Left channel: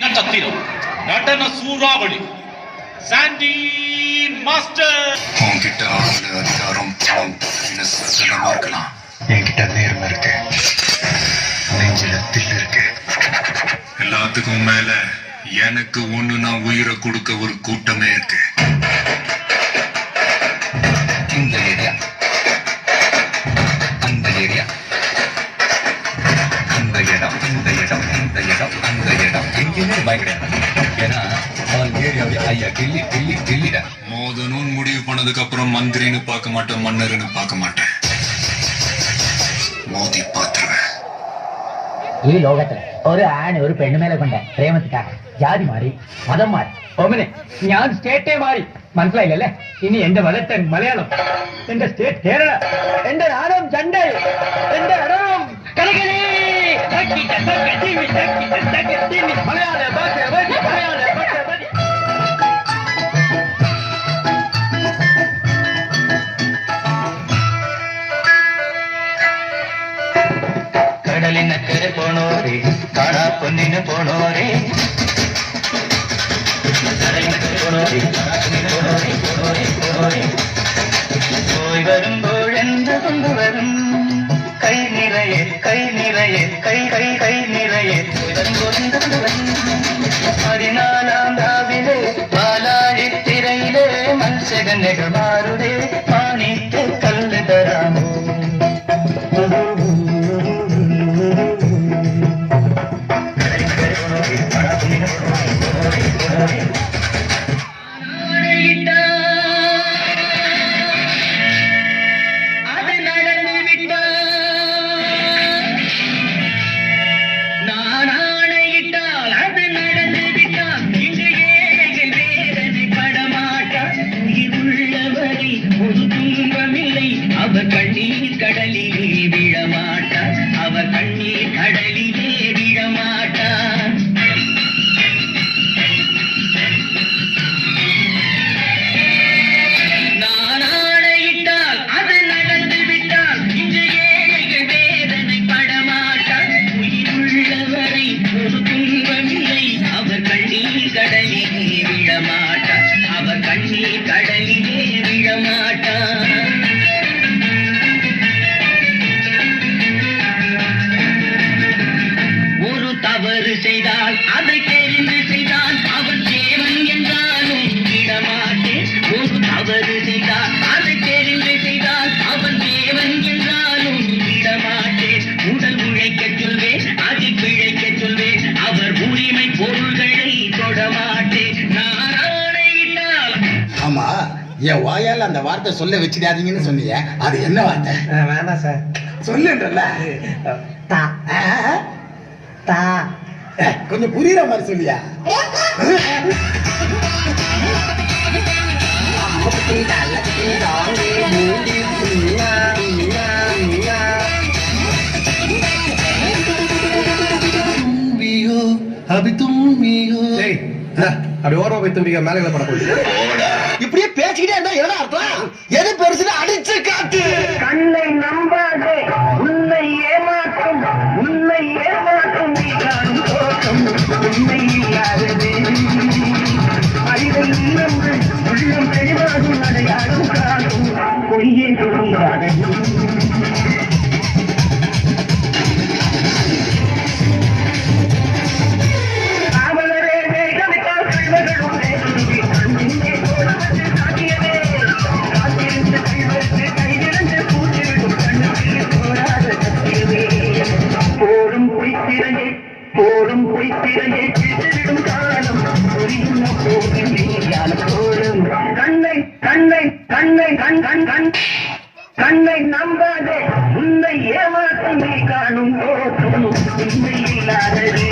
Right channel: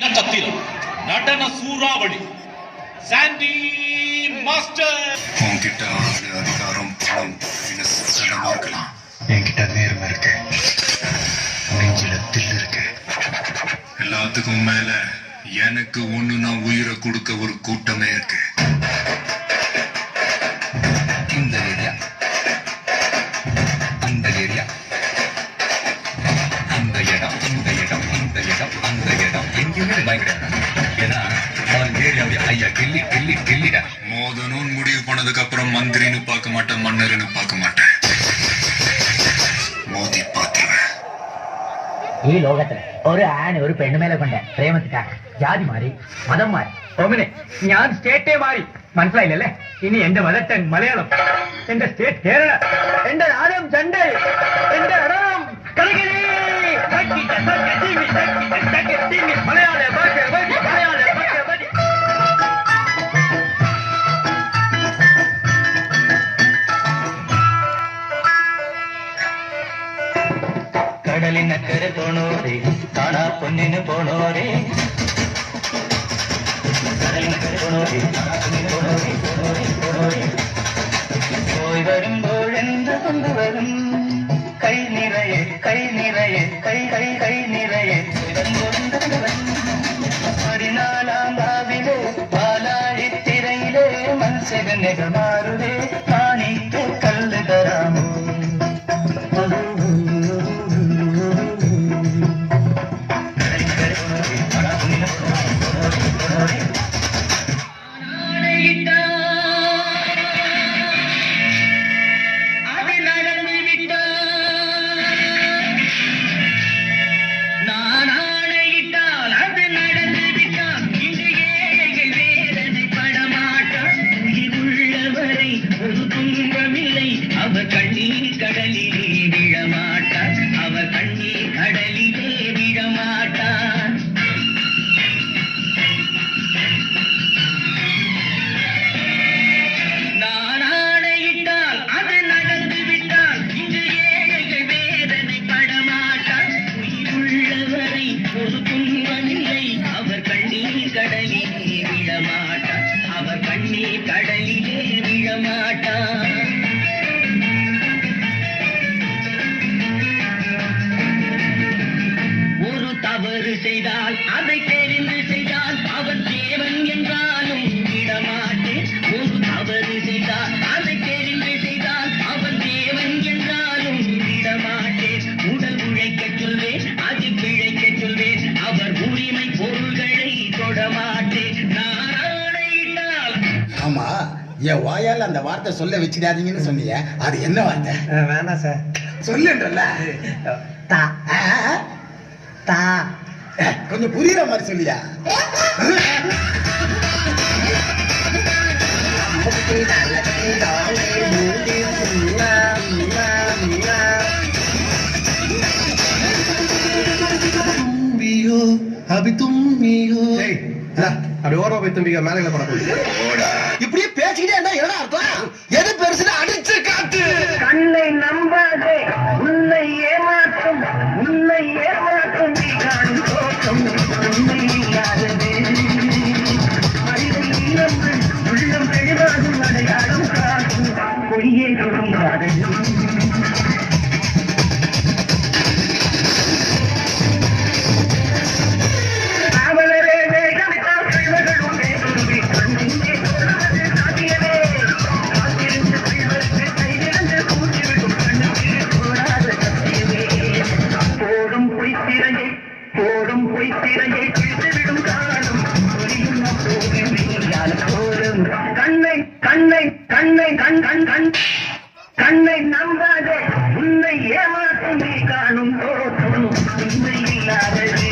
நட்சத்திரம் நடன சூறாவளி சாண்டி மாஸ்டர். உன்கிட்ட ஆளுங்க அதிகாரம் பணம் சகலமா இருக்கலாம். என்கிட்ட நேர்மை இருக்கு, நெஞ்சில தில் இருக்கு. எல்லாத்துக்கும் மேல எனக்கு ஒண்ணு நான் உயிரை கொடுக்க ஒரு கூட்டமே இருக்கு. இந்த ஏரியா, அந்த ஏரியா, அந்த இடம், இந்த இடம், இந்த இடம், அந்த இடம் எங்கேயுமே பயங்கடையாது. ஏன்னா அவன் ஏரியாவே ஐயா கில்லி கில்லி கில்லிட. மோதனும் முடிவு பண்ணதுக்கு அப்புறம் மந்திரின்னு பார்க்க மாட்டேன், மன்னர்னு பார்க்க மாட்டேன், മോദി പാത്രവേ. ഈ ലോകത്തിൽ ഒരു ആണ് ഒരു പെണ്ണുമേലെ കൊണ്ട് പ്രേമത്തിക്കാണ് ജാതി മാറി മതം മാറി ഒമിനെ ഞാൻ സ്റ്റേറ്റേ മാറി മനസ്സിലായില്ലല്ലേ. ഇനി എന്റെ മതത്തൻ മലയാളം, എന്റെ സ്റ്റേറ്റ് കേരള, എന്റെ നാടം ചണ്ടേ, എന്റെ അടം കലകലേ മലയാള ഭാഷ മലയാള ഭാഷ. കടലിനക്കരെ പോണോരേ, കാണാ പൊന്നിന് പോണോരേ, കടലിനക്കരെ പോണോരേ, കാണാ പൊന്നിന് പോണോരേ, പോണോരേ, പോണോരേ. പോയി വരുമ്പോഴെന്ത് കൊണ്ടുവരും? കൈ നിറയെ, കൈ നിറയെ, കൈ കൈ കൈ നിറയെ കൊണ്ടുവരും. 14 രാവിലെ പാലാഴിത്തിരയിലെ മത്സ്യകന്യകമാരുടെ പാണിക്ക് കല്ല് തരാമോ? அவர் கண்ணீர் கடலிலே விழமாட்டார், அவர் கண்ணீர் கடலிலே விழமாட்டார். நான் ஆணையிட்டால் அது நடந்து விட்டால் இன்று ஏழைகள் வேதனை படமாட்டார். உயிருள்ளவரை ஒரு துன்பமில்லை, அவர் கண்ணீர் கடலிலே விழமாட்டார், அவர் கண்ணீர் கடலிலே விழமாட்டார். தவறு செய்தால் அதை தெரிந்து செய்தால் அவன் தேவன் என்றாலும் விடமாட்டேன். ஒரு தவறு செய்தால் அதை தெரிந்து செய்தால் அவன் தேவன் என்றாலும் விடமாட்டேன். உடல் உழைக்க சொல்வேன், அதில் பிழைக்க சொல்வேன், அவர் உரிமை பொருள்களை தொடமாட்டேன். நான் ஆணையிட்டால். ஆமா, என் வாயால் அந்த வார்த்தை சொல்ல வச்சிடாதீங்கன்னு சொன்னீங்க, அது என்ன வார்த்தை? வேணாம் சார், சொல்லுன்றல. கொஞ்சம் புரியுற மாதிரி சொல்லியா? அப்படி ஓரமா போய் தும்பிக்க மேலே படக்கூடாது. இப்படியே பேசிக்கிட்டே இருந்தா என்ன அர்த்தம்? எது பெருசுல அடிச்சு காட்டு. கண்ணை நம்பாதே, உன்னை ஏமாற்றும், உன்னை ஏமாற்றும் உண்மை இல்லாதது. அறிவை இழந்து உள்ளம் பெரிதாகும், அதை அழுக்காகும் பொய்யே தோன்றாதது. போடும் பொய்த்திரையை பிடித்துவிடும் காலம் புரியும் போதும். கண்ணை கண்ணை கண்ணை கண் கண் கண் கண்ணை நம்பாதே, உன்னை ஏமாற்றும் நீ காணும் போதும் உண்மை இல்லாதது.